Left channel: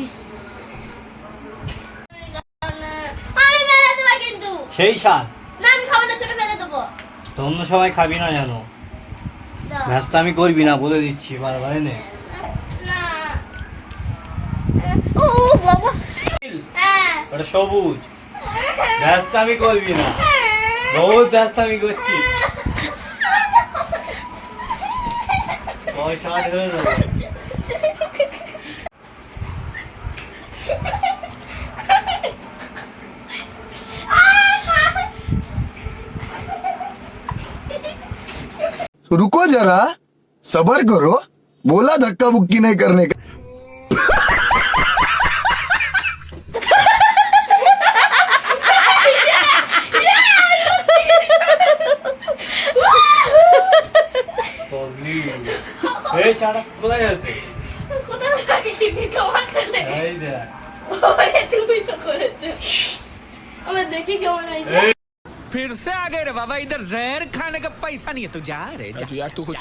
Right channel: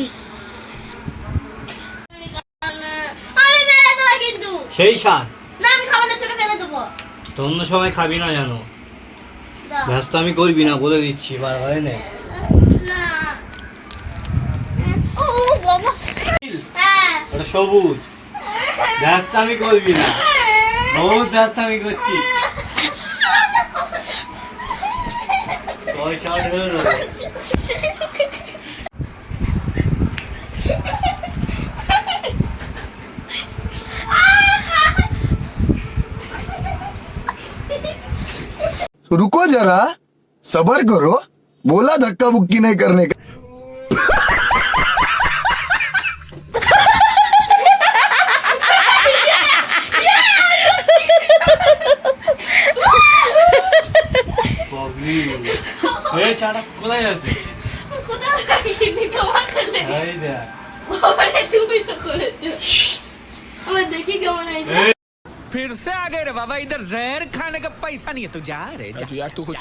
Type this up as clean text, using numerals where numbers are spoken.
ইস আমি মেরে দেবো কিন্তু সেই সার না আমি খাবো না ছোট ফেলে দেবো তো অন্য সময় খাবি না জানো দাও। ব্যস্ত আমি করবি না বলে দিচ্ছি বারবার নে না ও বাবা হ্যাঁ ওটা সবুজ ব্যস্ত আমি করবি না বহুত ব্যস্ত আমি করছি ওই শার্ট হয়ে গেল रुको जरा सबर करो बोला धक्का बुक्की नहीं करने का এই চাটা কোথায় আছে কোথায় রাখিনি তোমার ছেলে এই দেখ বাবারে তুমি তো করেছো আমরা দেখি কেমন হয়েছে फिर से आ गए रे बाबा इधर जहर खाने का पैसा नहीं है तू जा रे जा। यार तू कुछ